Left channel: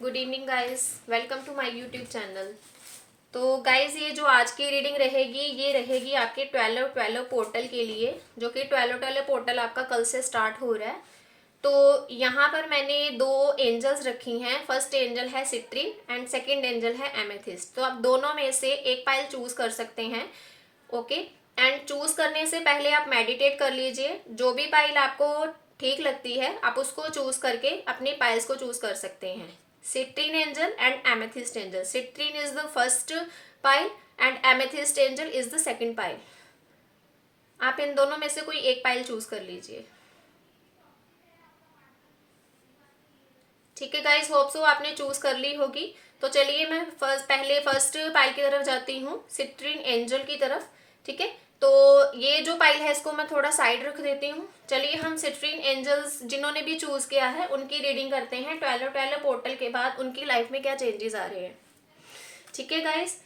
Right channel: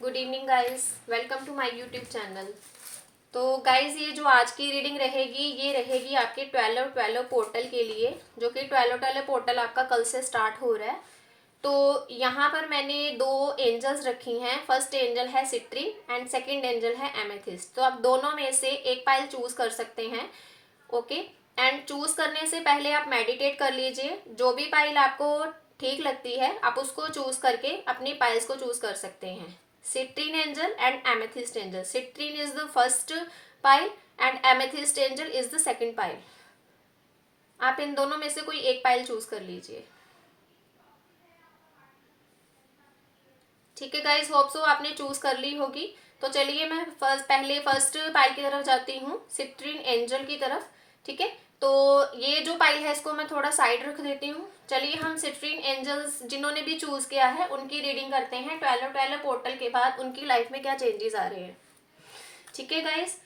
Good evening guys, welcome to my YouTube channel. तो guys, ये जो आज की रीडिंग रहेगी ये रहेगी आपके 12 पोर्टल के लिए, जो कि 12 पोर्टल आपका कल से स्टार्ट हो रहा है। तो यहाँ पर मैंने दो एंजल्स रखी हैं। फर्स्ट एंजल है सिट्रिन एंड सेकंड एंजल है एमेथिस्ट। तो आप दोनों में से एक पाइल चूज कर सकते हैं। ओके, एंड चूज करने से पहले आप मेडिटेट कर लीजिए। जो भी पाइल आपको ठीक लगती है आप उसको चूज करके अपनी पाइल्स को चूज कर सकते हैं। Citrine angel and amethyst angel. Citrine is the first pile and amethyst angel is the second pile. आप इन दोनों में से कोई एक पाइल चूज कर लीजिए। ठीक है गाइस, होप सो आपने चूज कर ली होगी। तो चलिए मैं पहले फर्स्ट पाइल की तरफ जाती हूँ, सिट्रीन एंजल की तरफ। ठीक है, तो ये जो पाइल है इसको मैं थोड़ा साइड रख देती हूँ। चलिए हम सिट्रीन एंजल्स जिन्होंने भी चूज किया है उनकी रीडिंग करते हैं। 12 पोर्टल के बाद उनकी लाइफ में क्या चेंजेस आ रहे हैं। ठीक है गाइस,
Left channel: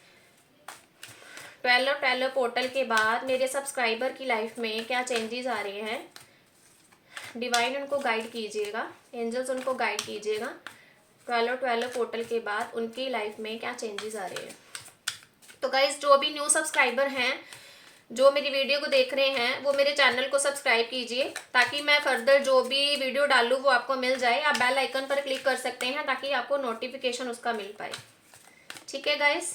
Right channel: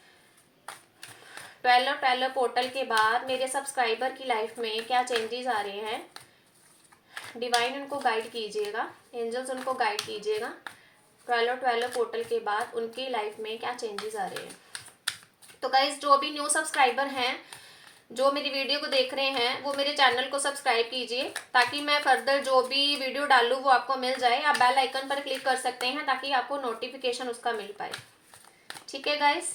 12 पोर्टल के बाद मेरे सब्सक्राइबर की लाइफ में क्या चेंजेस आ रहे हैं, डिवाइन उनको गाइड कीजिएगा, एंजल्स उनको गाइड कीजिएगा। 12 पोर्टल के बाद उनकी लाइफ में क्या चेंजेस आ रहे हैं। तो गाइज, जो भी न्यू सब्सक्राइबर हैं जो मेरी वीडियो को देख रहे हैं वो मेरे चैनल को सब्सक्राइब कीजिए, ताकि मैं फर्दर जो भी वीडियो डालूँ वो आपको मिल जाए। आप बेल आइकन पर क्लिक कर सकते हैं ताकि आपको नोटिफिकेशन उसका मिल पाए। ठीक है गाइज,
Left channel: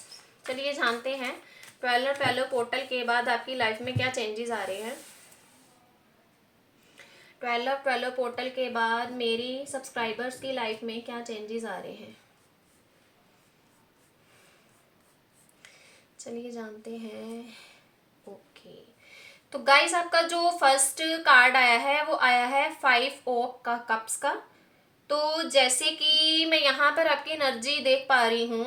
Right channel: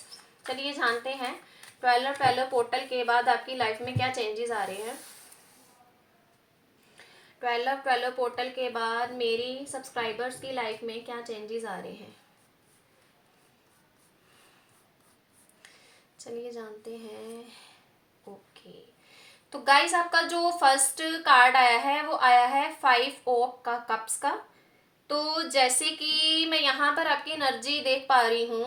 चलिए जानते हैं 12 पोर्टल के बाद आपकी लाइफ में क्या चेंजेस आ रहे हैं। 12 पोर्टल के बाद मेरी सब्सक्राइबर्स की लाइफ में क्या चेंजेस आ रहे हैं, चलिए जानते हैं। ओके, तो गाइस आपका जो फर्स्ट कार्ड आया है वो आया है 5 ऑफ का कप्स का। तो जैसे कि मैं यहाँ पर आपकी एनर्जी देख पा रही हूँ,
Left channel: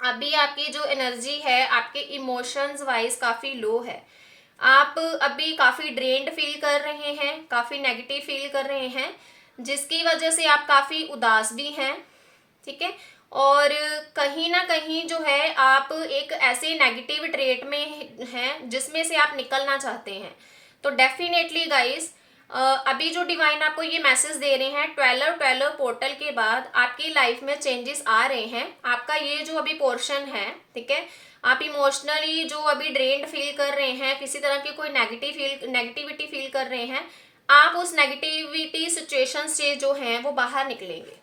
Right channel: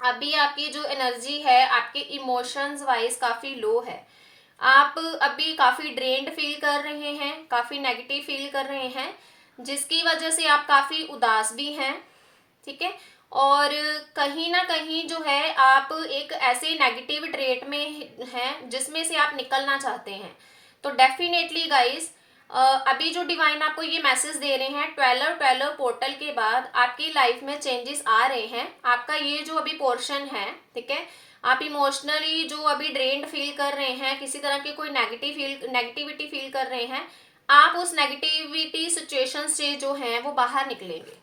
अभी आपकी जो एनर्जी है आपके इमोशंस वाइज काफ़ी लो है। आप अभी काफ़ी ड्रेन्ड फील कर रहे हैं, काफ़ी नेगेटिव फील कर रहे हैं, जिसकी वजह से आप काफ़ी उदास भी हैं। ठीक है, और कहीं ना कहीं जो है आप एक ऐसे नेगेटिव ट्रेट में हैं जिसमें से आप निकलना चाहते हैं। तो डेफिनेटली गाइस, अभी जो डिवाइन आपको ये मैसेज दे रहे हैं 12 पोर्टल के बाद आपकी लाइफ में चेंजेस आ रहे हैं। आपका ये जो अभी पोर्शन है, ठीक है, आप इमोशनली जो अभी ड्रेन्ड फील कर रहे हैं, किसी तरह की कोई नेगेटिविटी फील कर रहे हैं, आप उस नेगेटिविटी सिचुएशन से जो हैं वो बाहर निकलेंगे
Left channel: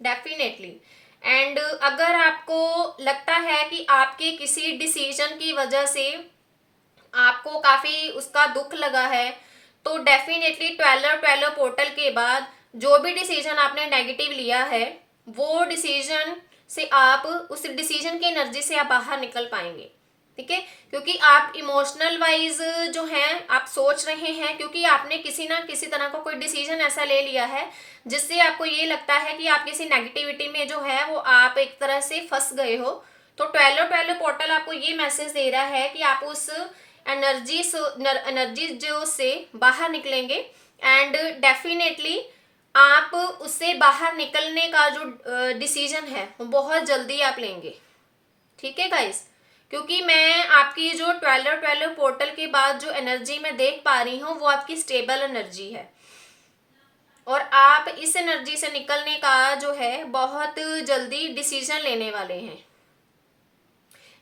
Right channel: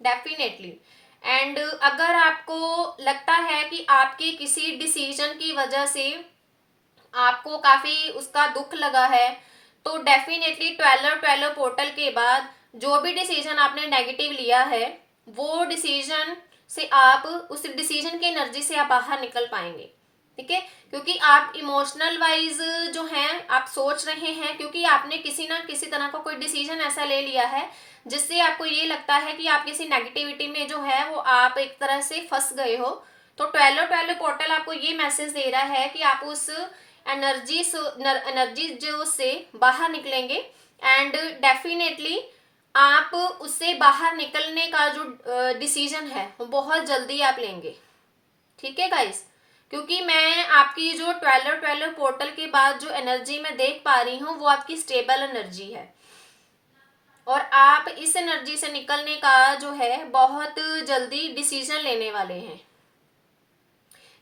डेफिनेटली। एंड अगर आपको लगता है कि आपके किसी डिसीजन की वजह से आपको काफ़ी उसका दुख लगा है, तो डेफिनेटली 12 पोर्टल के बाद जो भी डिसीजन आपने नेगेटिव लिया है वो डिसीजन से आप उस डिसीजन की एनर्जी से आप बाहर निकल पाएंगे। ठीक है, क्योंकि आप इमोशनल वाइज जो हैं आप सोच रहे हैं, क्योंकि आपने किसी ना किसी तरह का कोई डिसीजन ऐसा ले लिया है जिससे आपको ये लगता है कि आप किसी नेगेटिविटी में जो है वो आप एक तरह से फंस गए हो। तो 12 पोर्टल आपको ये मैसेज दे रहा है कि आप उस एनर्जी जो से बाहर निकलेंगे एंड डेफिनेटली आप उससे बाहर निकलने का जो डिसीजन है वो बहुत जल्दी आप लेंगे। ठीक है गाइस, क्योंकि मैं आपकी जो 12 पोर्टल के बाद जो एनर्जी मैं देख पा रही हूँ वो आपकी स्टेबल एनर्जी है, और आप इस एनर्जी से निकलने का जो है बहुत जल्दी डिसीजन लेने वाले हैं।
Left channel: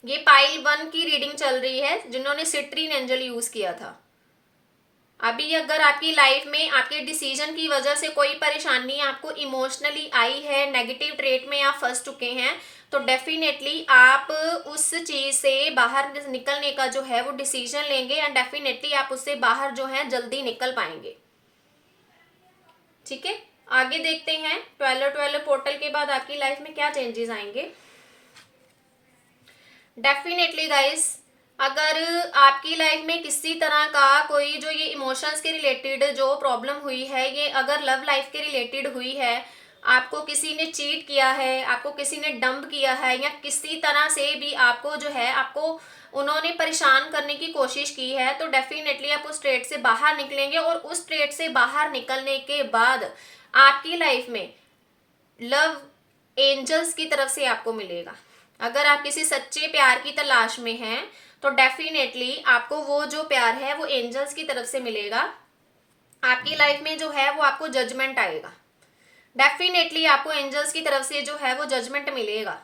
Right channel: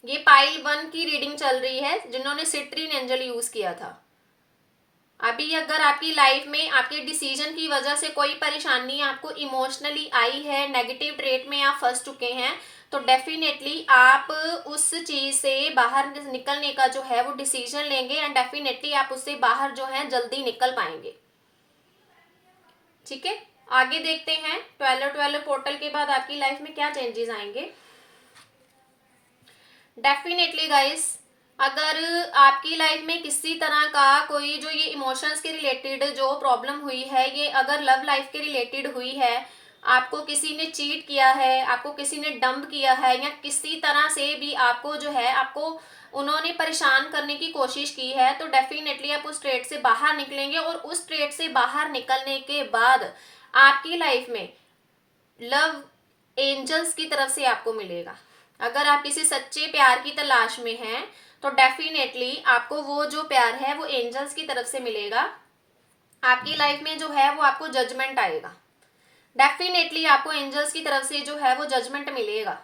ये पाइल 1 की रीडिंग चल रही है जिन्होंने सिट्रीन एंजल यूज किया था। अभी अगर आपकी लाइफ में आपके डिसीजन की वजह से कोई परेशानी आपको इमोशनली आई है, नेगेटिव ट्रेट में आप फंस चुके हैं, तो डेफिनेटली आप उस चीज से बाहर निकलने का जो है वो डिसीजन लेंगे एंड डेफिनेटली आप उससे बाहर जो है जल्दी निकल पाएंगे। ठीक है, आगे देखते हैं 12 पोर्टल के बाद आपकी लाइफ में क्या चेंजेस आएंगे। डेफिनेटली गाइस, अगर आपकी लाइफ में किसी तरह का कोई जो ये इमोशंस के रिलेटेड जो प्रॉब्लम हुई है, ये अगर लव लाइफ के रिलेटेड हुई है, आपको किसी ने चीट किया है, आपको किसी ने डंप किया है, या किसी तरह से भी आपको जो है आपको उन्होंने परेशान करने की कोशिश की है, तो डेफिनेटली आप उस ट्रेट से बाहर निकलेंगे। और उस ट्रेट से बाहर निकलने के बाद आपकी लाइफ में लव एंजल्स की तरफ से आपको मिलेगा। अगर आप किसी सच्चे प्यार की तलाश में हैं तो डेफिनेटली आपको वो जो प्यार है वो एंजल्स की तरफ से मिलेगा। आपकी लाइफ में जो है वो आपको जजमेंट आएगा। डेफिनेटली आपको एंजल्स की तरफ से जो है वो जजमेंट मिलेगा।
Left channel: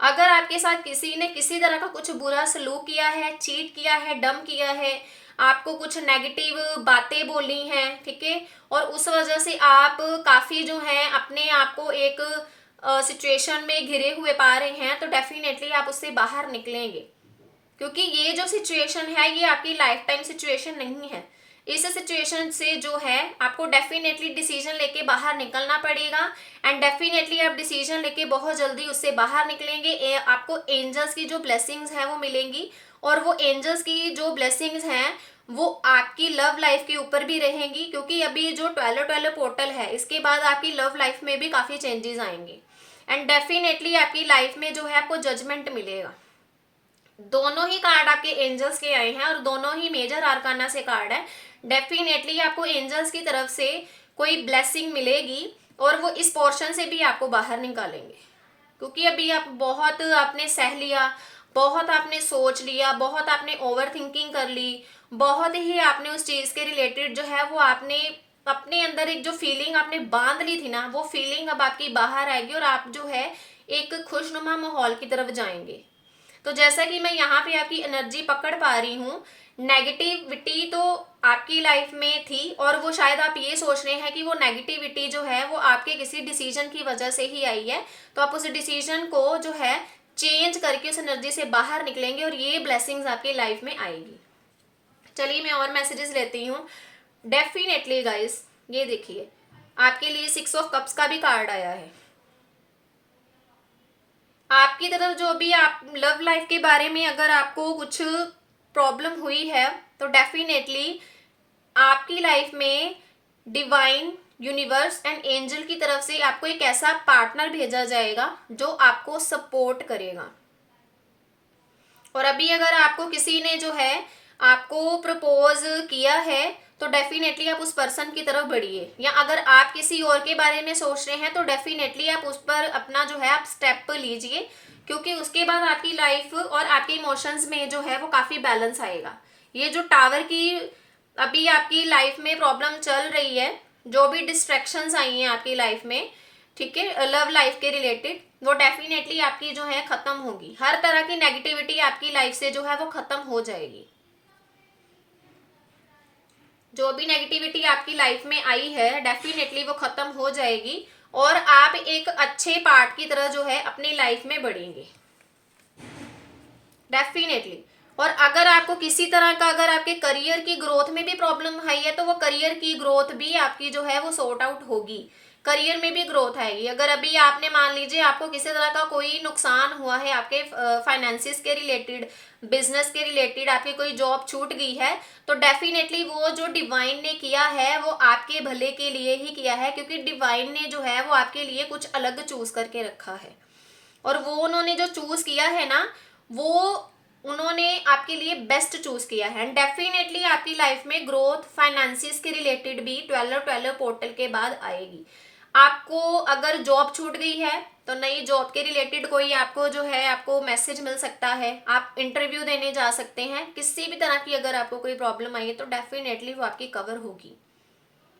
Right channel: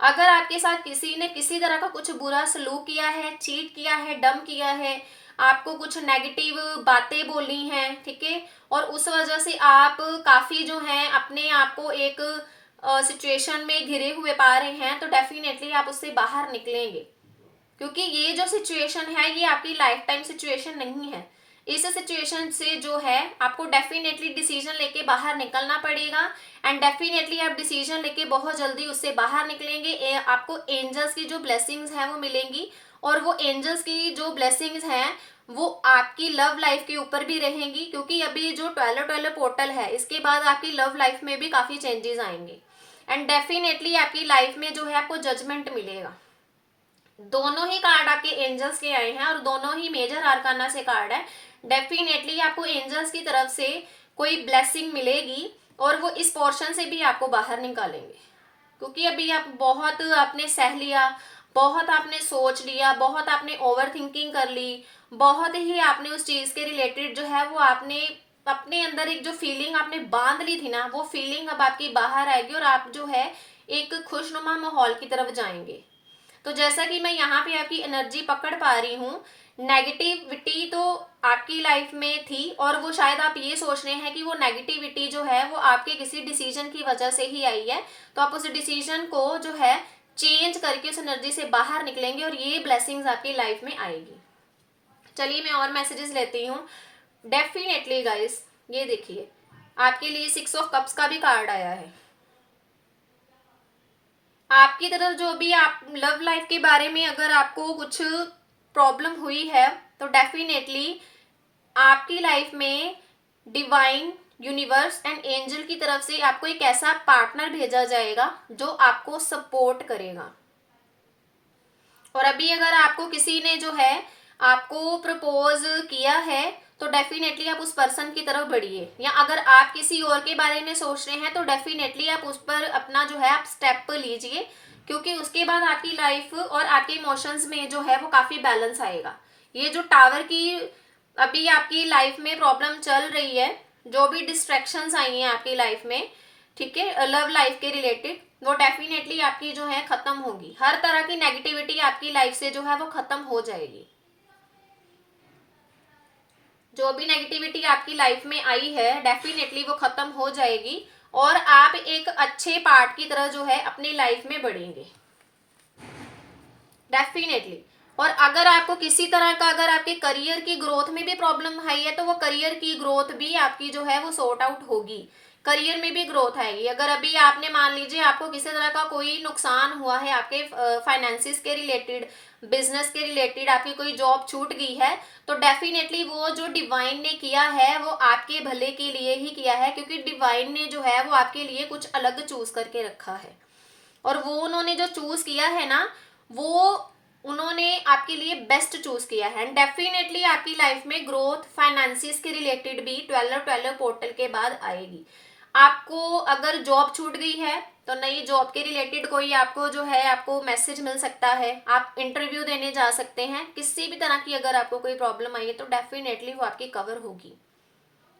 अगर आपके साथ किसी ने किसी तरह का कुछ बुरा सलूक किया है, चीट किया है, डम किया है, आपको कुछ नेगेटिव बातें बोली हैं, ठीक है, और उस वजह से आप काफ़ी जो है अपने आप को एक सिचुएशन में घिरे हुए पा रहे हैं, तो डेफिनेटली आप उससे बाहर निकलेंगे। क्योंकि ये जो सिचुएशन है ये आपकी लाइफ टाइम सिचुएशन नहीं है। इस सिचुएशन से जो है आपको डेफिनेटली डिसीजन लेके बाहर निकलना पड़ेगा, एंड डेफिनेटली आप डिसीजन लेके बहुत जल्दी उससे बाहर निकलेंगे। आपको एंजल्स की जो ब्लेसिंग्स हैं वो मिलेंगी, और वो एंजल्स की जो ब्लेसिंग्स हैं वो आपकी लव लाइफ के ऊपर भी रहेंगी, क्योंकि अभी जो 12 पोर्टल है इसके बाद आपकी लव लाइफ में भी काफ़ी चेंजेस आएंगे, एंड डेफिनेटली आपकी लाइफ में जो है आपको जजमेंट मिलेगा। दोनों ही कार्ड आपके एंजल्स के आए हैं और दोनों ही मेजर आर्काना से कार्ड है। डेफिनेटली आपको एंजल्स की तरफ से कोई ब्लेसिंग मिलेगी और वो इस पोर्शन से भी आपको बाहर निकालेंगे, क्योंकि अभी आप बहुत आपने सह लिया, बहुत आपने सोच लिया, बहुत आपने ओवर थिंकिंग कर ली, बहुत ही आपने उस चीज़ के रिलेटेड जो है वो आपने अपने अंदर एक जो फीलिंग आपने बांध ली थी ना, वो फीलिंग अब आपकी बाहर आएगी और आप जो है एक खुशनुमा माहौल की तरफ जाएंगे। तो जैसा कि मैं यहाँ पे आपकी एनर्जी पकड़ पा रही हूँ, नेगेटिविटी तो आपकी लाइफ में थी और वो शायद आप ये सोच रहे हैं कि वो नेगेटिविटी जो है वो आपके किसी डिसीजन की वजह से ही आई है, तो आप उस डिसीजन को जो है चेंज करके उस एनर्जी से बाहर निकलेंगे और ये ब्लेसिंग्स आपकी लाइफ में आएगी। चलिए मैं और मैसेजेस लेती हूँ। डेफिनेटली गाइस, ये देखिए आपके लिए 6 ऑफ कप्स का भी कार्ड आया है। आपकी तरफ जो भी आप लव लाइफ के बारे में अगर आपको कुछ प्रॉब्लम हुई है, तो डेफिनेटली आपकी लाइफ में डिवाइन, यूनिवर्स एंड एंजल की तरफ से आपको एक ऐसा पार्टनर भेजा जाएगा जो आपको सपोर्ट करेगा। और अभी अगर आपको किसी ने जो है आपको प्रपोज किया है, तो डेफिनेटली आप उस पर्सन की तरफ बढ़िए, या अगर आप किसी और के बारे में सोच रहे हैं तो डेफिनेटली आप उस पर अपना जो है आप स्टेप लीजिए, क्योंकि उसके बाद आपकी लाइफ और आपके इमोशंस में जो है वो काफ़ी बैलेंस आएगा। ये जो टावर की अभी आपकी लाइफ में प्रॉब्लम चल रही है, जो भी डिस्ट्रैक्शंस आई हैं आपकी लाइफ में, ठीक है, लव लाइफ के रिलेटेड, वो डेफिनेटली आपकी जो है खत्म होगी। हर तरह की नेगेटिविटी आपकी लाइफ से जो है वो खत्म हो जाएगी। जो भी नेगेटिविटी आपकी लाइफ में आई है डेफिनेटली वो खत्म हो जाएगी और आप एक अच्छे पार्ट की तरह जो है अपनी लाइफ में बढ़ेंगे डेफिनेटली। और अगर आपको किसी तरह का अगर आपके करियर की ग्रोथ में भी प्रॉब्लम आई है, तो वो करियर की ग्रोथ भी आपकी जो है वो सॉर्ट आउट होगी, करियर में भी ग्रोथ आएगी। अगर अभी आपने मान लीजिए आपको किसी तरह का कोई नुकसान हुआ है आपके फाइनेंसिस के रिलेटेड, बिजनेस के रिलेटेड, आपकी कोई जॉब छूट गई है, तो डेफिनेटली वो जो डिवाइन ने किया है वो आपके भले के लिए ही किया है, क्योंकि डिवाइन ने जो है वो आपके लिए कुछ अलग चूज करके रखा है। और वो उन्होंने जो चूज किया है ना, वो उन्होंने आपके लिए बेस्ट चूज किया है, एंड डेफिनेटली आपकी लाइफ में ग्रोथ फाइनेंसिस के रिलेटेड भी 12 पोर्टल के बाद आएगी। आपको अगर जॉब छूट गई है तो नई जॉब के रिलेटेड कोई आपको जो है आपको मैसेज मिल सकता है, आप इंटरव्यू देने जा सकते हैं। किसी भी तरह की अगर आपको कोई प्रॉब्लम आई है तो डेफिनेटली वो आपकी कवर होगी,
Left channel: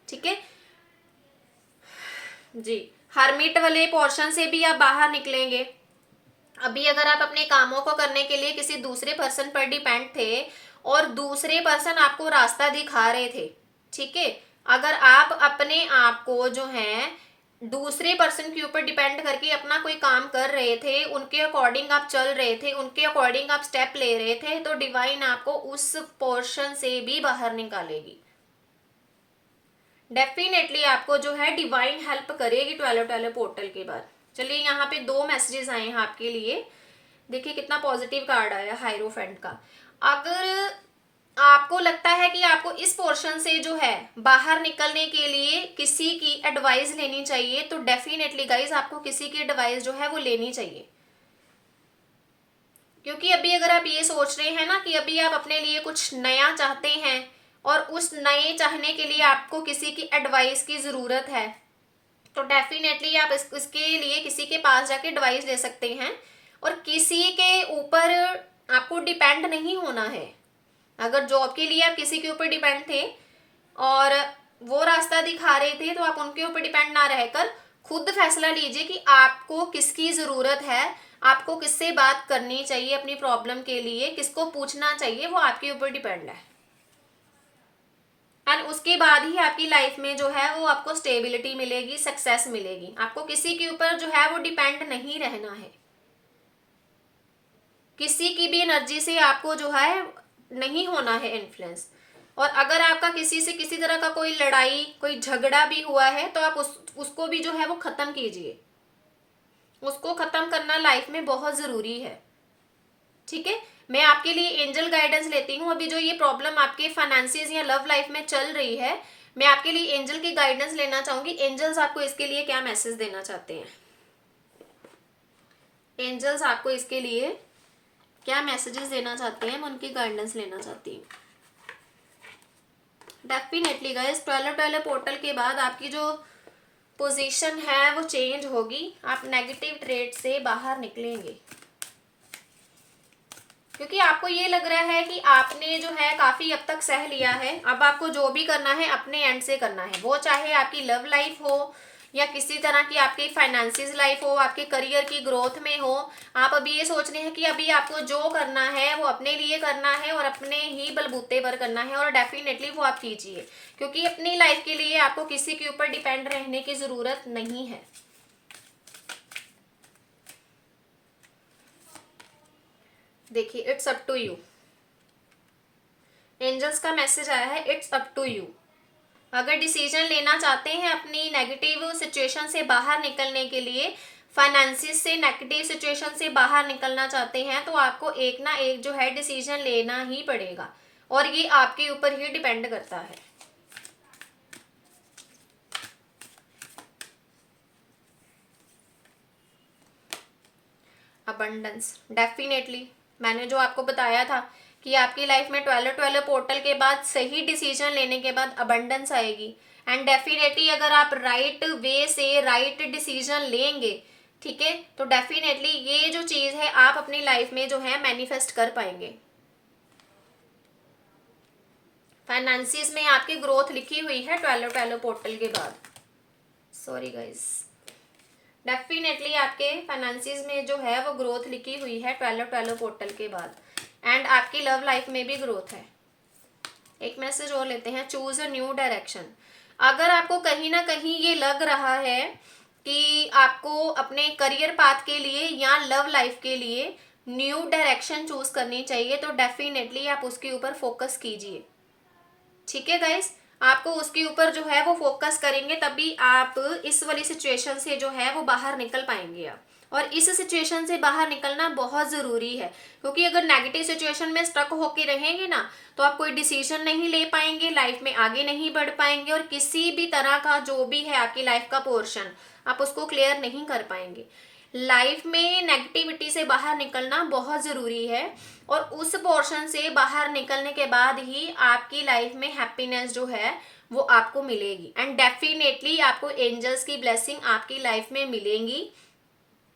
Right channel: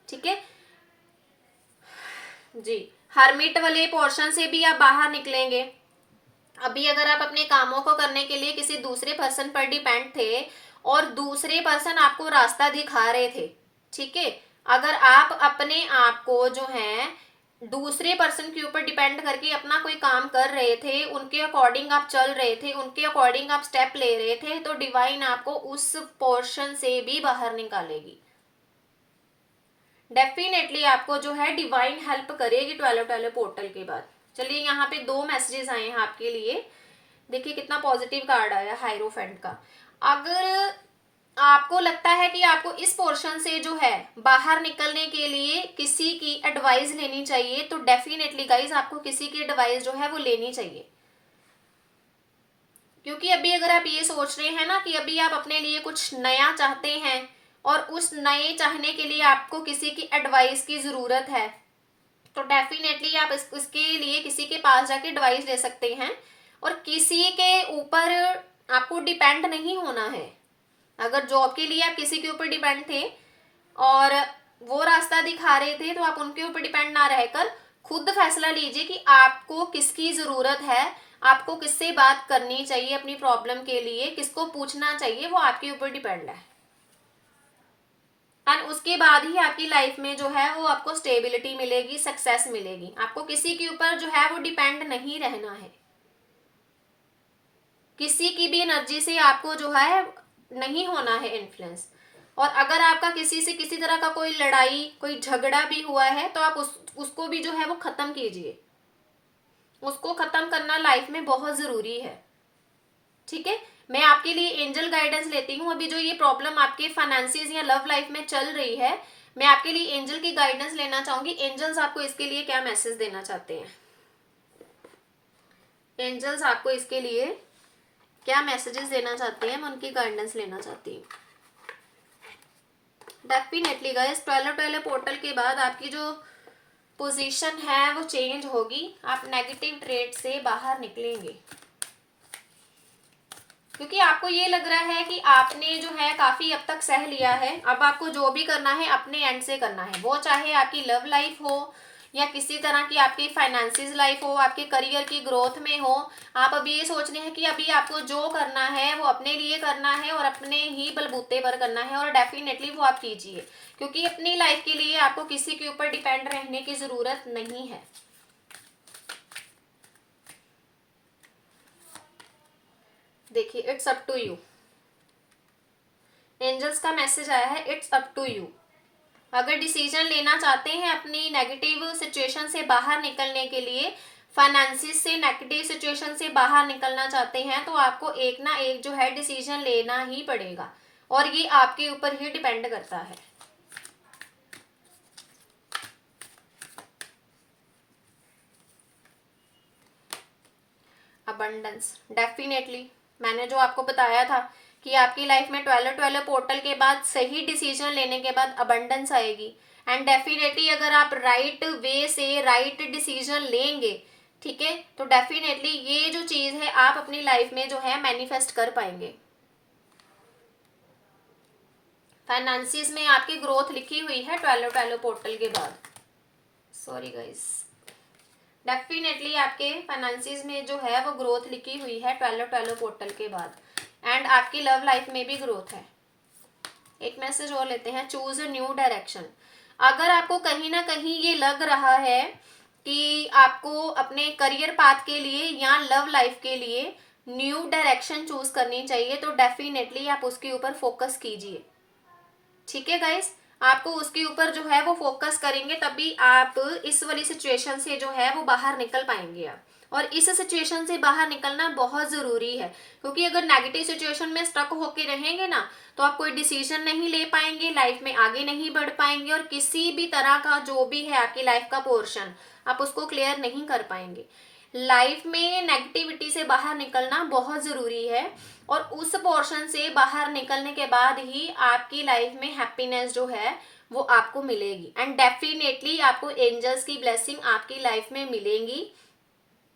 ठीक है जी। हर्मिट वाले पोर्शन से भी आप बाहर निकलेंगे। अभी अगर आप अपने कामों को करने के लिए किसी दूसरे पर्सन पर डिपेंड थे और दूसरे पर्सन आपको रास्ता दिखा रहे थे, ठीक है, अगर आप अपने आप को जो है दूसरे पर्सन के ऊपर डिपेंड करके अपना कोई काम कर रहे थे, उनके अकॉर्डिंग आप चल रहे थे, उनके अकॉर्डिंग आप स्टेप ले रहे थे, तो डिवाइन आपको उस पोर्शन से भी बाहर निकालेगी। डेफिनेटली आपको जो है डिवाइन हेल्प करेगी 12 पोर्टल के बाद। चलिए यहाँ पे 2 मैसेजेस आए हैं आपके लिए। देखिए कितना पॉजिटिव कार्ड आया हाइरोफेंट का। अगर आपको लगता है कि आपको इस पोर्शन से जो है बाहर निकलने के लिए किसी की एडवाइस लेनी चाहिए, तो डेफिनेटली गाइज आपको किसी की एडवाइस जो है वो लेनी चाहिए। क्योंकि अभी अगर आप ये सोच रहे हैं ना कि अभी आप अपने लिए कुछ नया चाहते हैं और उस नए चाहने के लिए आपको किसी की एडवाइस की ज़रूरत है, तो डेफिनेटली आप इसके लिए किसी के पास जाके एडवाइस ले सकते हैं और किसी के ऊपर आपको डिपेंड नहीं होना है। अगर जॉब के लिए आप किसी के ऊपर डिपेंड थे और वो रास्ता दिखा रहे थे, तो आप उनके ऊपर डिपेंड ना रहकर खुद फैसला लीजिए कि आपको किसकी ज़रूरत है, आपको किससे बात करनी चाहिए अपनी प्रॉब्लम के लिए, किसको पूछना चाहिए, वो आपके ऊपर डिपेंड है। एंड उसके बाद ही आपकी लाइफ में जो है वो आपको स्टेबिलिटी मिलेगी, सक्सेस मिलेगी। आपको किसी के ऊपर जो है वो डिपेंड नहीं रहना है, किसी की भी एनर्जी से आपको जो है नहीं होना है इन्फ्लुएंस। और अगर आपका किसी से किसी तरह का कोई लड़ाई, कोई झगड़ा भी हुआ है, तो आप उसको भी जो है वो ख़त्म कीजिए। उसको ख़त्म करना लाइफ में बहुत ज़रूरी है। ठीक है, मैं आपके लिए एंजल गाइडेंस लेती हूँ। अभी जो ये प्रॉब्लम आपके फाइनेंसिस या लव लाइफ में चल रही है, मैं आपके लिए एंजल की गाइडेंस लेना चाहूंगी। एंजल्स आपको इसके लिए क्या मैसेज देना चाहते हैं? एंजल्स आपको इसके लिए क्या मैसेजेस देना चाहते हैं, मैं उनकी गाइडेंस लेना चाहती हूँ। डेफिनेटली गाइस, 12 पोर्टल के बाद आपकी जो पोजीशन है वो चेंज होगी। आप नेगेटिव ट्रेड से बाहर निकलेंगे, क्योंकि आपको ये लग रहा है कि आपने जो है काफ़ी अब तक सह लिया है। अब आपको जो भी करना है अपने एंड से करना है, वो चाहे आपकी लव लाइफ हो या किसी तरह की आपकी फाइनेंसिस लाइफ हो, आपके करियर की ग्रोथ में हो। आप अभी ये सोच रहे हैं कि अभी आपको जो करना है वो अपने लिए करना है और अपने ही बलबूते पर करना है, और डेफिनेटली वो आप कीजिए, क्योंकि अपनी लाइफ के लिए आपको किसी के ऊपर डिपेंड रहने की ज़रूरत नहीं है। देखिए, it's up to you. Angels का मैसेज आया है, इट्स अप टू यू। अगर डिसीजन लेना चाहते हैं अपनी नेगेटिव सिचुएशन से बाहर निकलने के लिए, फाइनेंसिस से नेगेटिव सिचुएशन से बाहर निकलना चाहते हैं, तो आपको एक ना एक जो है डिसीजन लेना ही पड़ेगा, और ये आपके ऊपर ही डिपेंड करता है। अबंडेंस, डेफिनेटली मैंने जो आपको बताया था कि आपकी लाइफ में 12 पोर्टल के बाद सही डिसीजन लेने के बाद अबंडेंस आएगी। एंड डेफिनेटली अगर आप राइट वे से राइट डिसीजन लेंगे, ठीक है, तो डेफिनेटली ये जो चीज़ है आप अपनी लाइफ में जो है मैनिफेस्ट कर पाएंगे। फाइनेंसिस में आपकी ग्रोथ लिखी हुई है 12 पोर्टल के बाद। सॉरी गाइस, डेफिनेटली आपके फाइनेंसिस में जो है वो ग्रोथ लिखी हुई है 12 पोर्टल के बाद। एंड आपकी लव लाइफ में भी ग्रोथ है। एक मैसेज और लेते हैं, चूज अ न्यू डायरेक्शन। अगर आपको कहीं ना कहीं ये लग रहा है कि आपको अपने करियर पाथ के लिए या लव लाइफ के लिए न्यू डायरेक्शन चूज करनी चाहिए, तो डेफिनेटली आप उसके ऊपर फोकस कीजिए। ठीक है गाइस, आपको उसके ऊपर जो है वो फोकस करेंगे, तभी आप इस वाली सिचुएशन से जो है वो बाहर निकल पाएंगे आप। और इस सिचुएशन से बाहर निकलना बहुत ज़रूरी है, क्योंकि अगर नेगेटिव सिचुएशन में स्टक होके रहेंगे ना, तो आप कोई डिसीजन नहीं ले पाएंगे, लाइफ में आगे नहीं बढ़ पाएंगे, और किसी भी तरह का जो भी है आपकी लाइफ का पोर्शन आप उसको क्लियर नहीं कर पाएंगे। लाइफ में नेगेटिविटी से बाहर निकलना बहुत ज़रूरी है, और उस पोर्शन से बाहर निकलने के बाद ही आपकी लाइफ में हैप्पीनेस जो है वो आपको मिलेगी। एंड डेफिनेटली आपको एंजल्स की ब्लेसिंग आपकी लाइफ में मिलेंगी।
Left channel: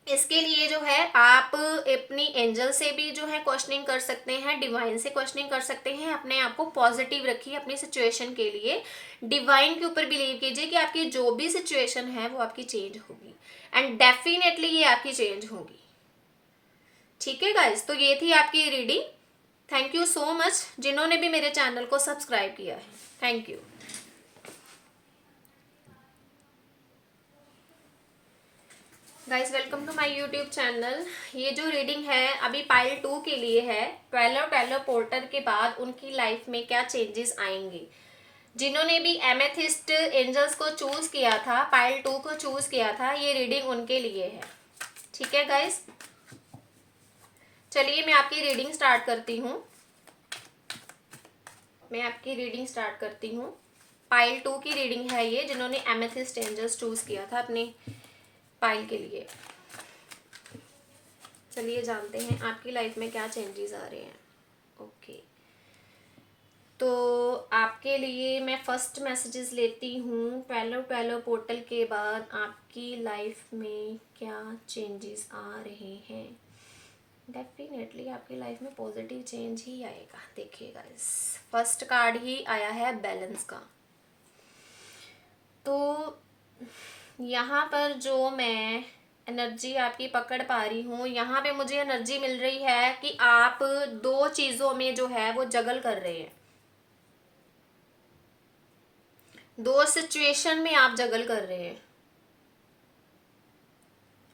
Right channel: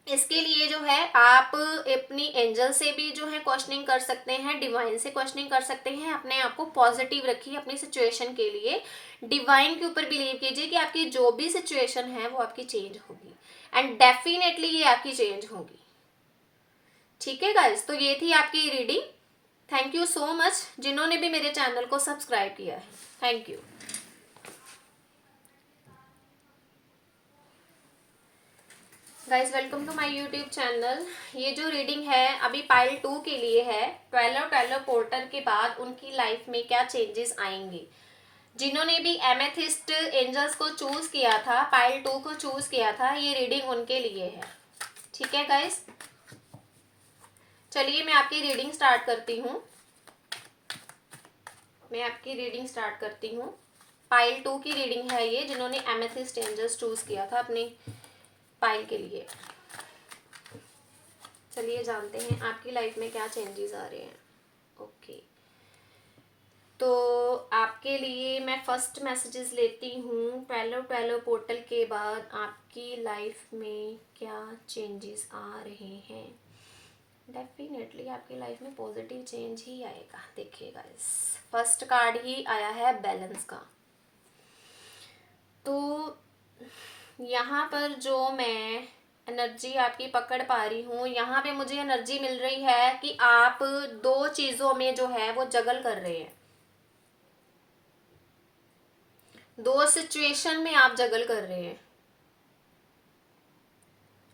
इसके लिए जो है आप अपनी एंजल से भी जो है क्वेश्चनिंग कर सकते हैं, डिवाइन से क्वेश्चनिंग कर सकते हैं। अपने आप को पॉजिटिव रखिए अपनी सिचुएशन के लिए, डिवाइन के ऊपर बिलीव कीजिए कि आपकी जो भी सिचुएशन है वो आपकी चेंज होगी, एंड डेफिनेटली ये आपकी चेंज होगी। ठीक है गाइज, तो ये थी आपकी reading. Thank you so much जिन्होंने भी मेरे चैनल को सब्सक्राइब किया है, thank you guys. Welcome to my YouTube channel. ये जो रीडिंग है अभी पाइल 2 के लिए है, 12 पोर्टल के बाद उनकी लाइफ में क्या चेंजेस आएंगे। जिन्होंने भी एमेथिस्ट एंजल्स को चूज किया था, पाइल 2 को चूज किया था, ये रीडिंग उनके लिए है। ठीक है गाइज, चलिए मैं आपकी रीडिंग स्टार्ट करती हूँ। पाइल 2 की रीडिंग है ये, जिन्होंने एमेथिस्ट एंजल्स चूज किया था अपनी पाइल के लिए। चलिए जानते हैं आपकी लाइफ में क्या चेंजेस आ रहे हैं। ओके, तो आपके लिए मैं फर्स्ट मैसेजेस लेती हूँ। 12 पोर्टल के बाद आपकी लाइफ में क्या चेंजेस आ रहे हैं। डेफिनेटली आपकी लाइफ में पॉजिटिव चेंज ही आएगा। देखिएगा, इस फर्स्ट कार्ड ही आया है बैलेंस का। तो यहाँ पर जो मैं एनर्जी आपकी पकड़ पा रही हूँ, यहाँ पे मुझे एनर्जी मिल रही है कि आप दो चीज़ों में जो है वो जगल कर रहे हैं, दो सिचुएशन में आप जगल कर रहे हैं।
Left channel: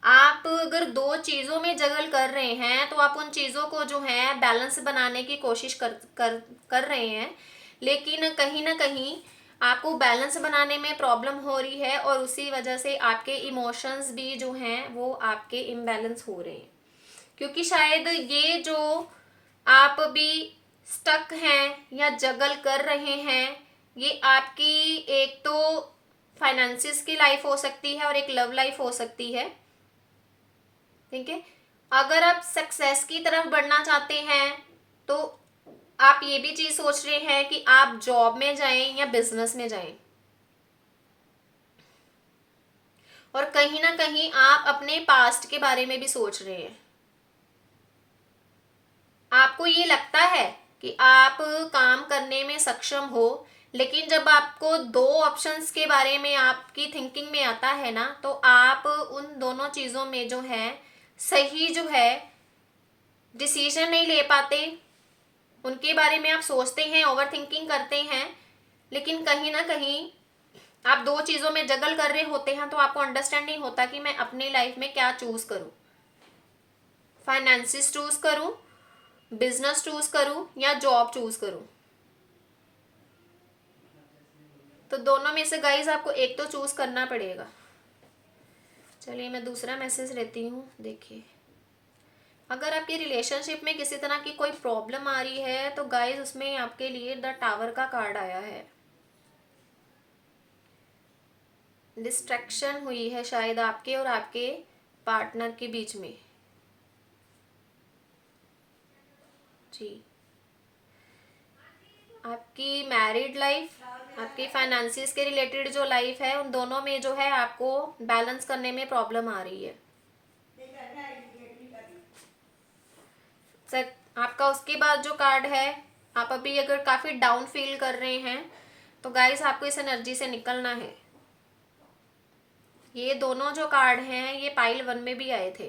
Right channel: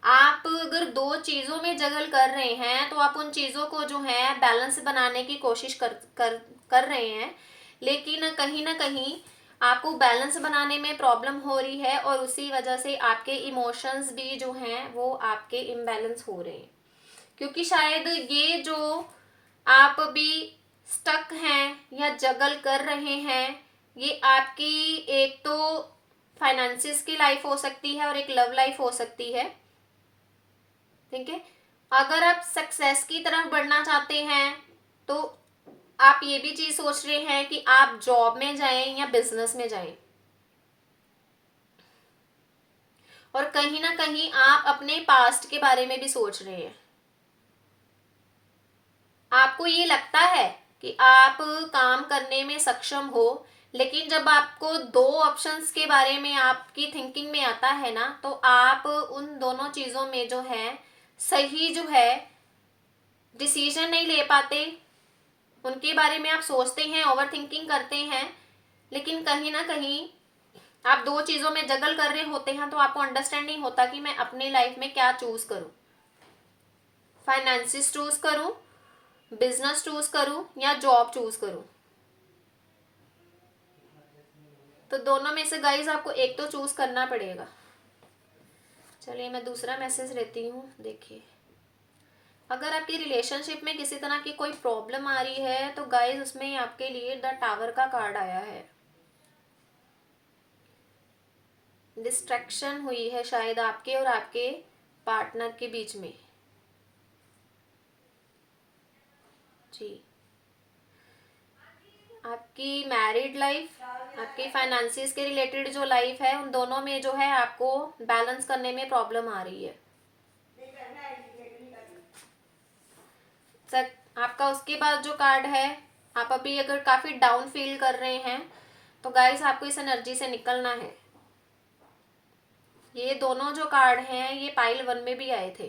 आप अगर दो चीज़ों में जगल कर रहे हैं तो आप उन चीज़ों को जो है बैलेंस बनाने की कोशिश कर रहे हैं, लेकिन कहीं ना कहीं आपको बैलेंस बनाने में प्रॉब्लम हो रही है और उसी वजह से आपके इमोशंस भी जो हैं वो आपके इम्बैलेंस हो रहे हैं, क्योंकि शायद ये जो आप अभी स्टक हैं या जगल कर रहे हैं, ये आपकी एक तो फाइनेंसिस की लाइफ हो सकती है और एक लव लाइफ हो सकती है। ठीक है, अगर आप सक्सेस की तरफ बढ़ना चाहते हैं तो आप ये भी चीज सोच रहे हैं कि आप जॉब में जाएं या बिजनेस में जाएं, और कहीं ना कहीं आप अपने पास्ट के बारे में भी सोच रहे हैं। आपको ये लगता है कि आप काम करने में सक्षम हो, लेकिन जब आपको दो ऑप्शंस के बारे में आपकी थिंकिंग में आता है ना, तो आप उन दोनों चीज़ों में जो है सही जो है डिसीजन नहीं ले पाते। उनके बारे में आप सोचते हैं, ओवर थिंकिंग करते हैं, लेकिन कहीं ना कहीं आप दो चीज़ों में जगल कर रहे होते हैं, तो आपको अंडरस्टैंड नहीं होता कि मैं अपनी लाइफ में क्या चूज़ करूं, फाइनेंसिस चूज़ करूं, बिजनेस चूज़ करूं या जॉब चूज़ करूं। तो दोनों में से गाइज आपको एक तो चूज़ करना पड़ेगा। चलिए मैं दूसरा मैसेज लेती हूँ। देखिए, अगर आपकी रिलेशनशिप में किसी तरह की कोई प्रॉब्लम आ रही है तो गाइज उसमें आपके लिए द टावर का कार्ड आया है। डिस्ट्रैक्शन हुई है शायद आपके और आपके पार्टनर के बीच में। जी, आपकी मैरिड लाइफ, आपकी फाइनेंसिस के रिलेटेड जो लाइफ है, उन दोनों में जो है आपको बैलेंस करने में प्रॉब्लम आ रही है। सर, आपका उसके बाद जो कार्ड है, आप अभी अगर काफ़ी डाउन फील कर रहे हैं तो गाइस आपको इस एनर्जी से निकलना है। ये दोनों जो कार्ड हैं ये पाइल 1 में भी आए थे।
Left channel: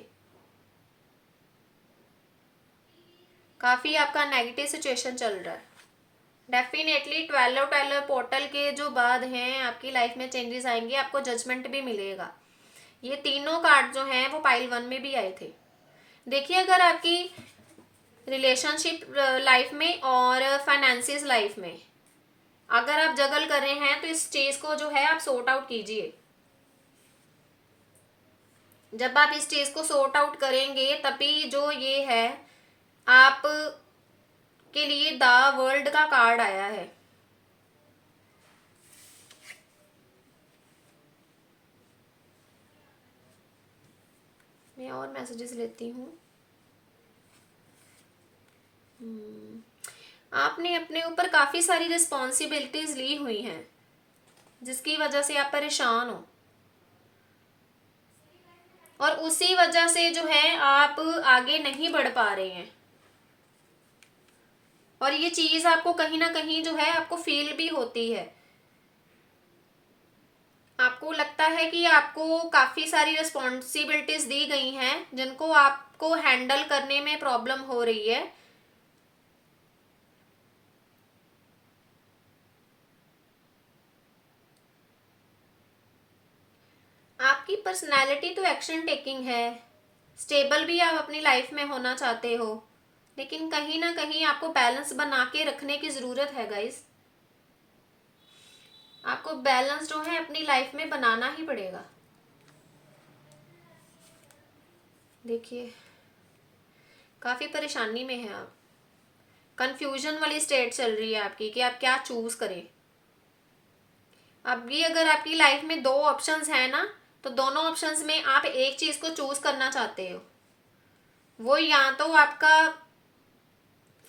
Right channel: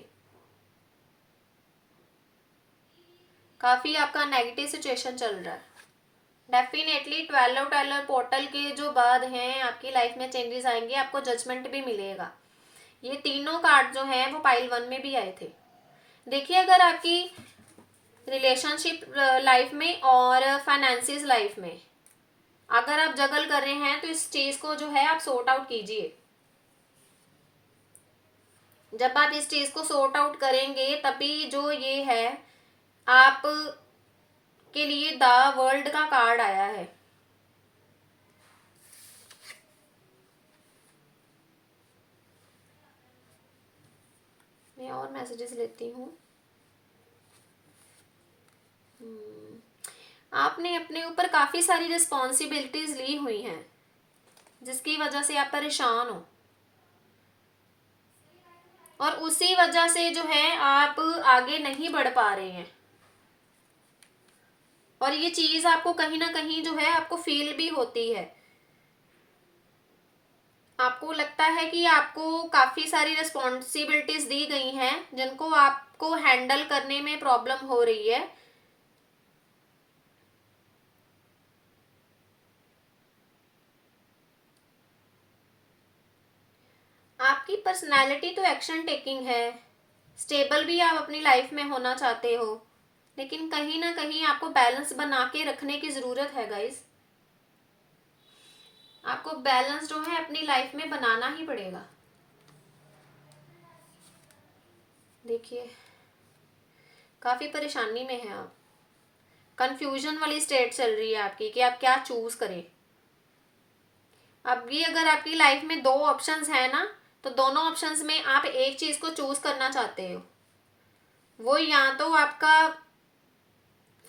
काफ़ी आपका नेगेटिव सिचुएशन चल रहा है। डेफिनेटली 12 पोर्टल के जो बाद हैं आपकी लाइफ में चेंजेस आएंगे, आपको जजमेंट भी मिलेगा। ये तीनों कार्ड जो हैं वो पाइल 1 में भी आए थे। देखिए, अगर आपकी रिलेशनशिप लाइफ में और फाइनेंसिस लाइफ में अगर आप जगल कर रहे हैं तो इस चीज़ को जो है आप सॉर्ट आउट कीजिए। जब आप इस चीज़ को सॉर्ट आउट करेंगे तभी जो ये है आप के लिए द वर्ल्ड का कार्ड आया है। मैं और मैसेजेस लेती हूँ। आपने अपने ऊपर काफ़ी सारी रिस्पॉन्सिबिलिटीज़ ली हुई हैं जिसकी वजह से आप परेशान हो, और उसी वजह से जो है आप आगे नहीं बढ़ पा रहे हैं, और ये चीज़ आपको कहीं ना कहीं जो है आपको फील भी होती है। आपको लगता है कि आपको काफ़ी सारी रिस्पॉन्सिबिलिटीज़ दी गई हैं जिनको आपको हैंडल करने में प्रॉब्लम हो रही है। आपकी पर्सनालिटी तो एक्शन टेकिंग है, स्टेबल भी आप अपनी लाइफ में होना चाहते हो, लेकिन कहीं ना कहीं आपको बैलेंस बना के रखने की ज़रूरत है गाइस। आपको बैलेंस जो है अपनी लाइफ में बनाना ही पड़ेगा। देखिए, काफ़ी परेशानी में है आप, कंफ्यूजन वाली स्टेट चल रही है आपकी कि आप क्या चूज़ करें। अब ये अगर आपकी लाइफ में दो ऑप्शंस हैं ना, तो दोनों ऑप्शंस में आप एक चीज़ को चूज़ करना चाहते हो। वो या तो आपका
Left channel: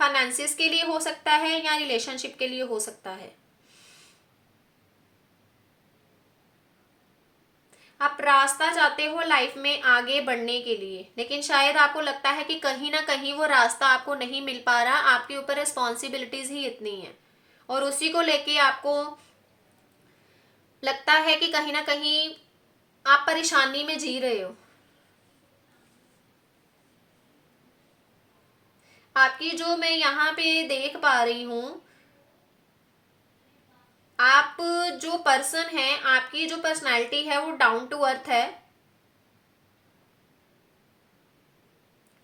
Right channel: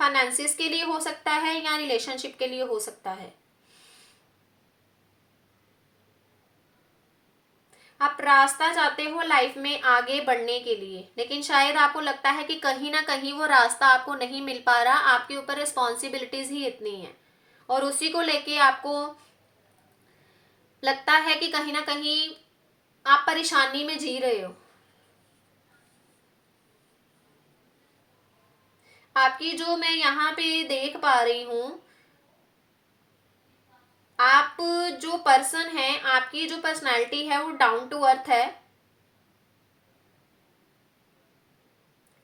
फाइनेंसिस के लिए हो सकता है या रिलेशनशिप के लिए हो सकता है। आप रास्ता चाहते हो लाइफ में आगे बढ़ने के लिए, लेकिन शायद आपको लगता है कि कहीं ना कहीं वो रास्ता आपको नहीं मिल पा रहा, आपके ऊपर रिस्पॉन्सिबिलिटीज़ ही इतनी हैं और उसी को लेके आपको लगता है कि कहीं ना कहीं आप परेशानी में जी रहे हो। आपकी जो मैं यहाँ पे देख पा रही हूँ, आप जो पर्सन है, आपकी जो पर्सनालिटी है वो डाउन टू अर्थ है।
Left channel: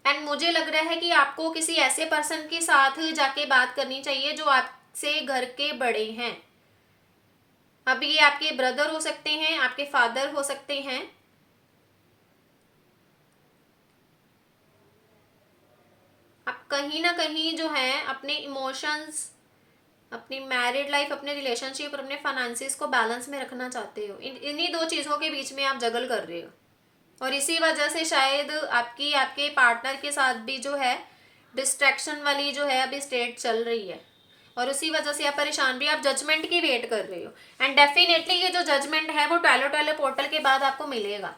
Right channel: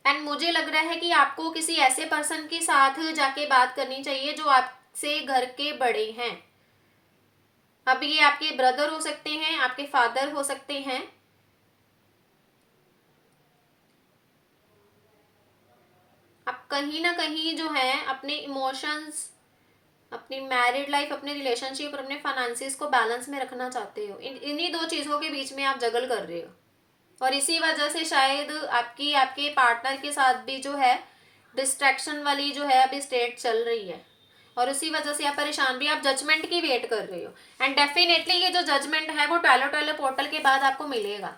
एंड मुझे लग रहा है कि आपको किसी ऐसे पर्सन के साथ जाके बात करनी चाहिए जो आपसे घर के बड़े हैं। अब ये आपके ब्रदर हो सकते हैं, आपके फादर हो सकते हैं। आप कहीं ना कहीं जो है अपने इमोशंस, अपनी मैरिड लाइफ, अपने रिलेशनशिप और अपने फाइनेंसिस को बैलेंस में रखना चाहते हो। इन्हीं दो चीज़ों के बीच में आप जगल कर रहे हो, और इसी वजह से शायद आपकी आपके पार्टनर के साथ भी जो है डिस्ट्रैक्शन वाली जो है अभी स्टेट चल रही है, और उसी वजह से आप परेशान भी, आप जजमेंट की वेट कर रहे हो। एंड डेफिनेटली ये जो जजमेंट है वो टॉयलेट टॉयलेट पोर्टल के बाद आपको मिलेगा।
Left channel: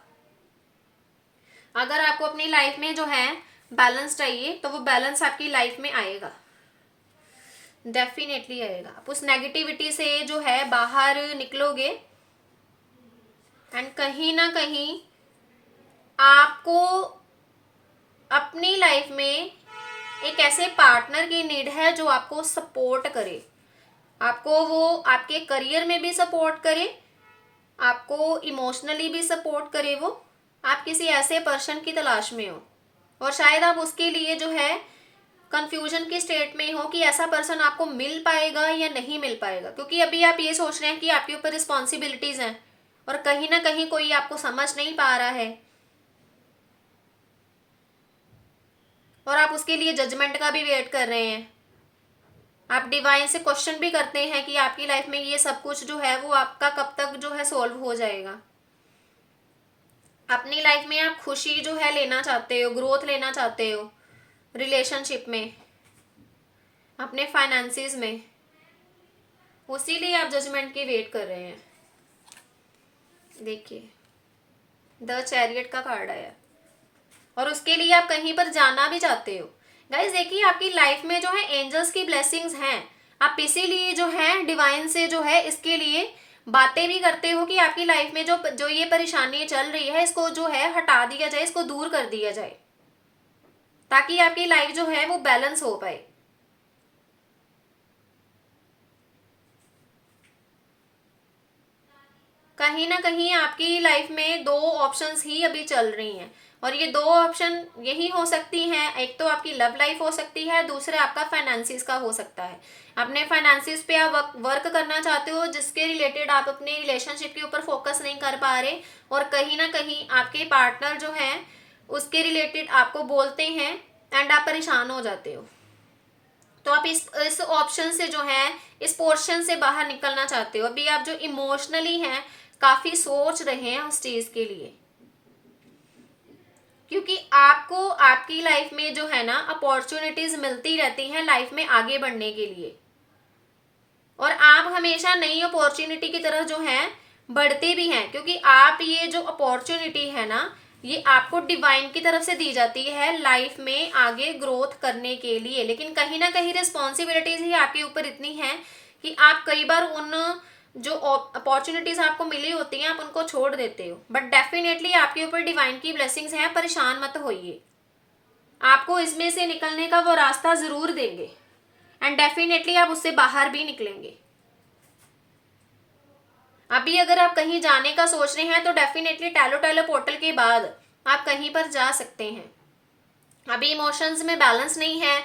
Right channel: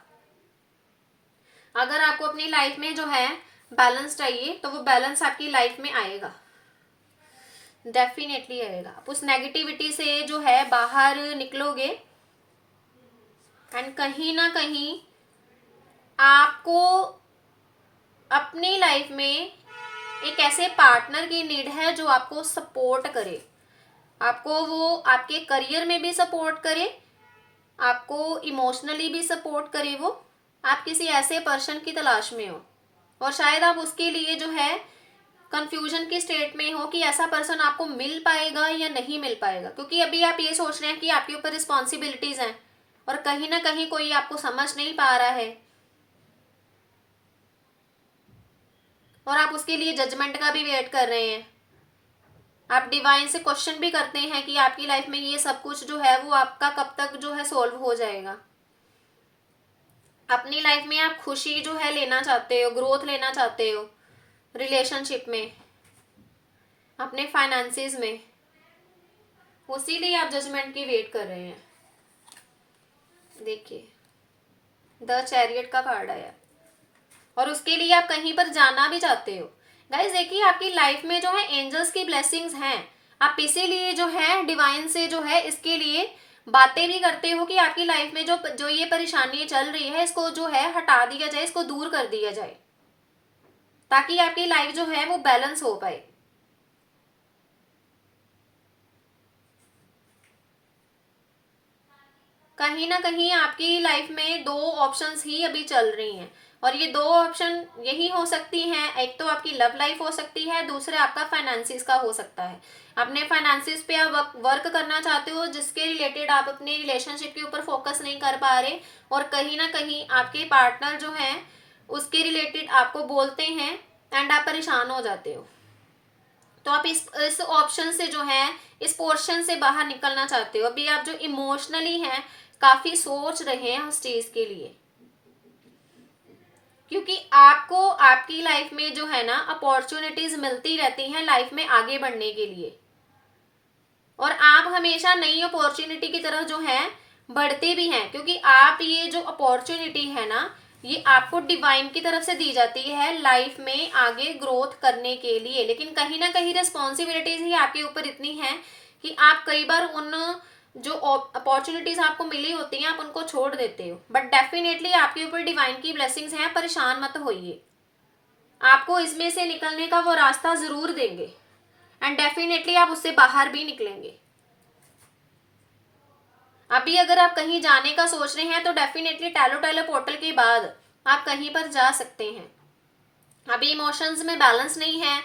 अगर आपको अपनी लाइफ में जो है बैलेंस चाहिए तो वो बैलेंस आपकी लाइफ में आएगा, डेफिनेटली आएगा। आप उस नेगेटिविटी से जो है बाहर निकलोगे, एंड कहीं ना कहीं आपको अपनी लाइफ में एक ऐसे पार्टनर की नीड है जो आपको सपोर्ट करे, आपको वो आपके करियर में भी सपोर्ट करे, आपको इमोशनली भी सपोर्ट करे। वो आप किसी ऐसे पर्सन की तलाश में हो, और शायद आप उसके लिए जो है कंफ्यूजन की स्टेट में हो कि ऐसा पर्सन आपको मिल पाएगा या नहीं मिल पाएगा, क्योंकि अभी आप ये सोच रहे हैं कि आपके ऊपर रिस्पॉन्सिबिलिटीज हैं और कहीं ना कहीं कोई आपको समझ नहीं पा रहा है, और आप उसके लिए जजमेंट का भी वेट कर रहे हैं। आप डिवाइन से क्वेश्चन भी करते हैं कि आपकी लाइफ में ये सब कुछ जो है वो आपका कब तक जो है सॉल्व हो जाएगा। अपनी लाइफ में आप खुशी जो है लेना चाहते हो, ग्रोथ लेना चाहते हो रिलेशनशिप में, अपने फाइनेंसिस में, उसी लिए आप जजमेंट की वेट कर रहे हैं। देखिए द चैरियट का कार्ड आया, और उसके लिए आप कहीं पर जाना भी चाहते हो। गाइस देखिए आपकी लाइफ में जो है एंजल्स की ब्लेसिंग्स हैं, आप इसीलिए जो है डिवाइन से जो है इसके लिए बातें भी करते हो कि आपकी लाइफ में जो जो ये परेशानी चल रही है इसको जो है हटा दिया जाए, इसको दूर कर दिया जाए, ताकि आपकी लाइफ जो है वो बैलेंस हो पाए। कहीं ना कहीं आपकी लाइफ में दो ऑप्शंस ही अभी चल रही हैं, और ये दो ऑप्शन यही हो सकती हैं, एक तो आपकी लव लाइफ हो सकती है, दूसरा आपका फाइनेंसिस का हो सकता है। अपने फाइनेंसिस पे आप वर्क करना चाहते हो जिसके रिलेटेड आप अपने रिलेशनशिप के ऊपर फोकस नहीं कर पा रहे, और कहीं ना कहीं आपके पार्टनर जो हैं उसके रिलेटेड आपको बोलते हैं एंड आप परेशान हो जाते हो। तो आप इस ऑप्शन से जो है, इस पोर्शन से बाहर निकलना चाहते हो। अभी आप जो इमोशनली हैं काफी सोच रहे हैं उस चीज के लिए, क्योंकि आपको आपकी लाइफ में जो है ना अपॉर्चुनिटीज मिलती रहती हैं लाइफ में आगे बढ़ने के लिए, और आप हमेशा नई अपॉर्चुनिटी की तरह जो है बढ़ते भी हैं, क्योंकि आप ये जो अपॉर्चुनिटी है ना ये आपको डिवाइन की तरफ से दी जाती है लाइफ में आगे ग्रोथ करने के लिए। लेकिन कहीं ना कहीं रिस्पॉन्सिबिलिटीज ही आपके ऊपर इतनी है कि आप कई बार उन जो अपॉर्चुनिटीज आपको मिली होती हैं आप उनको छोड़ देते हो, बट डेफिनेटली आपके ऊपर डिवाइन की ब्लेसिंग्स हैं, परेशान मत होइए। आपको इसमें से निकलने का वो रास्ता जरूर देंगे, एंड डेफिनेटली आप उससे बाहर भी निकलेंगे। अभी अगर आप कहीं जाने का सोच रहे हैं तो डेफिनेटली टैलो टैलो पोर्टल के बाद आप कहीं पर जा सकते हैं। अभी इमोशंस में बैलेंस नहीं है,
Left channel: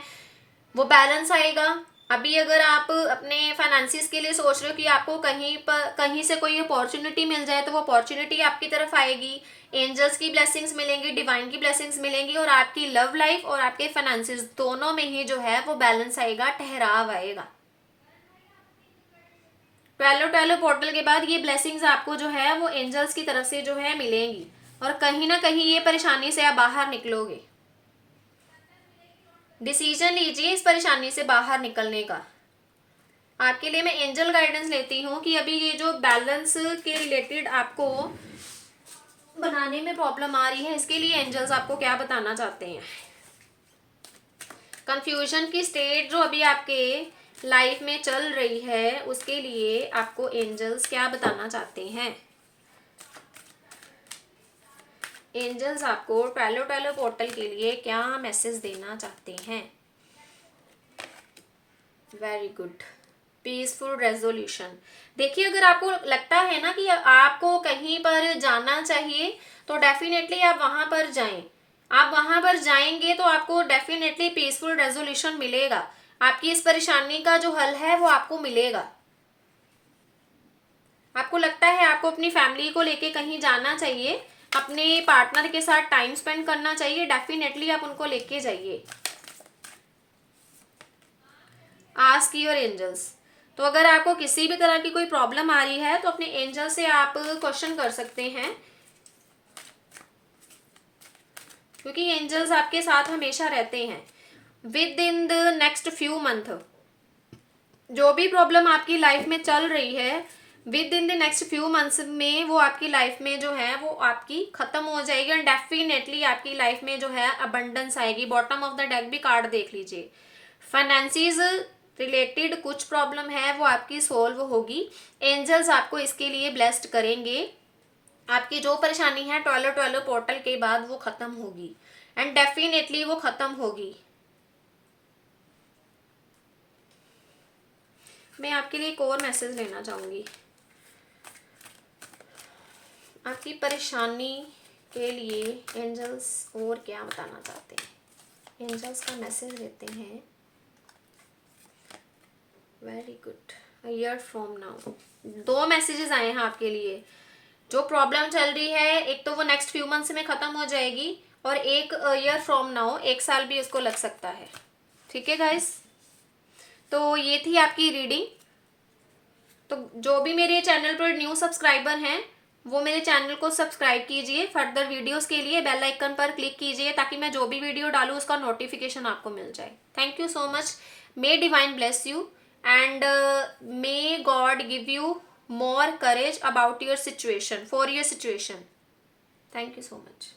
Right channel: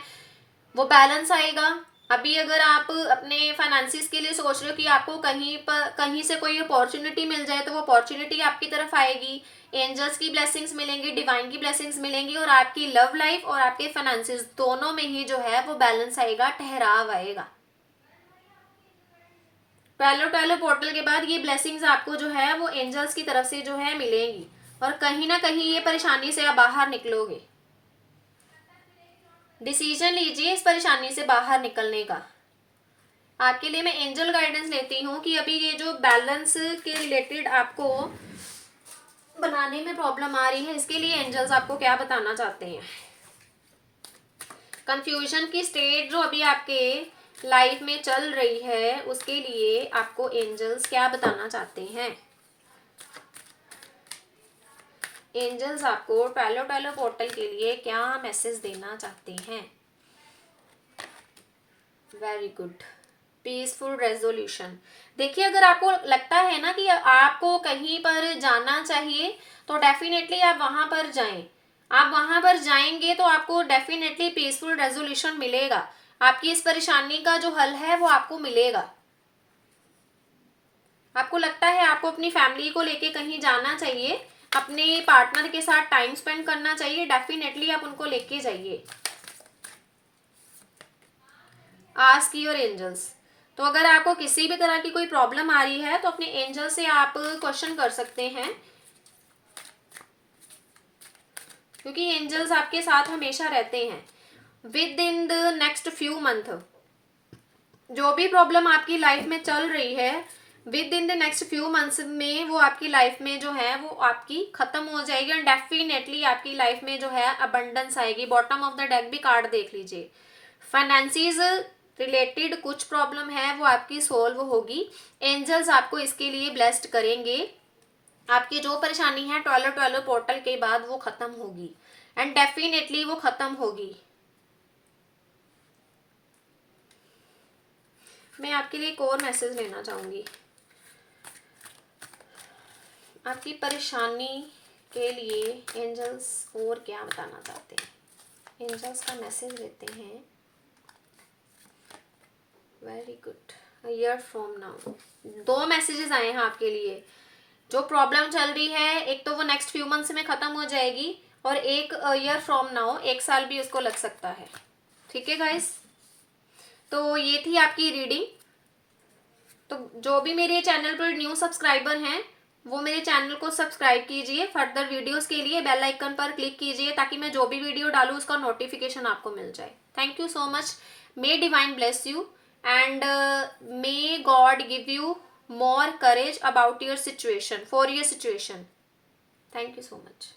वो बैलेंस आएगा। अभी अगर आप अपने फाइनेंसिस के लिए सोच रहे हो कि आपको कहीं पर कहीं से कोई अपॉर्चुनिटी मिल जाए तो वो अपॉर्चुनिटी आपकी तरफ आएगी, एंजल्स की ब्लेसिंग्स मिलेंगी, डिवाइन की ब्लेसिंग्स मिलेंगी, और आपकी लव लाइफ और आपके फाइनेंसिस दोनों में ही जो है वो बैलेंस आएगा, ठहराव आएगा। टैलो टैलो पोर्टल के बाद ये ब्लेसिंग्स आपको जो है वो एंजल्स की तरफ से जो है मिलेंगी, और कहीं ना कहीं ये परेशानी से आप बाहर निकलोगे। डिसीजन लीजिए इस परेशानी से बाहर निकलने का। आपके लिए मैं एंजल गाइडेंस लेती हूँ कि अभी ये जो बैलेंस के रिलेटेड आपको बनाने में प्रॉब्लम आ रही है इसके लिए एंजल्स आपको क्या बताना चाहते हैं। कंफ्यूजन की स्टेट जो अभी आपके लाइफ में चल रही है उसके लिए आपको एंजल्स क्या बताना चाहते हैं। एंजल्स आपको टैलो पोर्टल के लिए क्या मैसेज देना चाहते हैं। Very good. Peaceful resolution. देखिए, अगर आपको लगता है ना कि आपको कहीं पर जाना चाहिए तो डेफिनेटली आप वहां पर जाएं। आप वहां पर जाएंगे तो आपको डेफिनेटली पीसफुल रेजोल्यूशन मिलेगा। आपकी इस परेशानी का जो हल है वो आपको मिलेगा। आपको लगता है आपको अपनी फैमिली को लेके कहीं जाना चाहिए, अपने पार्टनर के साथ टाइम स्पेंड करना चाहिए, डेफिनेटली आप उनको लेके जाइए। Ask your angels. तो अगर आपको किसी भी तरह की कोई प्रॉब्लम आ रही है तो अपने एंजल से आप क्वेश्चन कर सकते हैं, क्योंकि एंजल्स आपके साथ हमेशा रहते हैं। With in the next few month जो भी प्रॉब्लम आपकी लाइफ में चल रही है, with in the next few months में वो आपकी लाइफ में जो है वो आपकी खत्म हो जाएगी और डेफिनेटली आपकी लाइफ में जो है अबंडेंस आएगी। बॉटम ऑफ द डेक भी कार्ड देख लीजिए। फाइनेंसिस रिलेटेड कुछ प्रॉब्लम है वो आपकी सोल्व होगी। एंजल्स आपको इसके लिए ब्लेस्ड करेंगे। आपकी जो परेशानी है ट्वेलो पोर्टल के बाद वो खत्म होगी एंड डेफिनेटली वो खत्म होगी। मैं आपके लिए एक और मैसेज लेना चाहूंगी। आपकी परेशानी के लिए एंजल्स और क्या बताना चाहते हैं। एंजल्स का मैसेज लेते हैं। Very good. Year from now 2 messages आए हैं आपके लिए। जो प्रॉब्लम चल रही है एक तो वो नेक्स्ट फ्यू मंथ्स में खत्म हो जाएगी और एक ईयर फ्रॉम नाउ 1 साल भी उसको लग सकता है। ठीक है गाइस, तो ये थी आपकी रीडिंग। तो जो भी मेरे चैनल पर न्यू सब्सक्राइबर हैं वो मेरे चैनल को सब्सक्राइब कीजिए। फर्दर वीडियोस के लिए बेल आइकन पर क्लिक कीजिए ताकि मैं जो भी वीडियो डालूँ उसका नोटिफिकेशन आपको मिल जाए। Thank you so much. May divine bless you and may God give you more courage about your situation, for your situation. Thank you so much.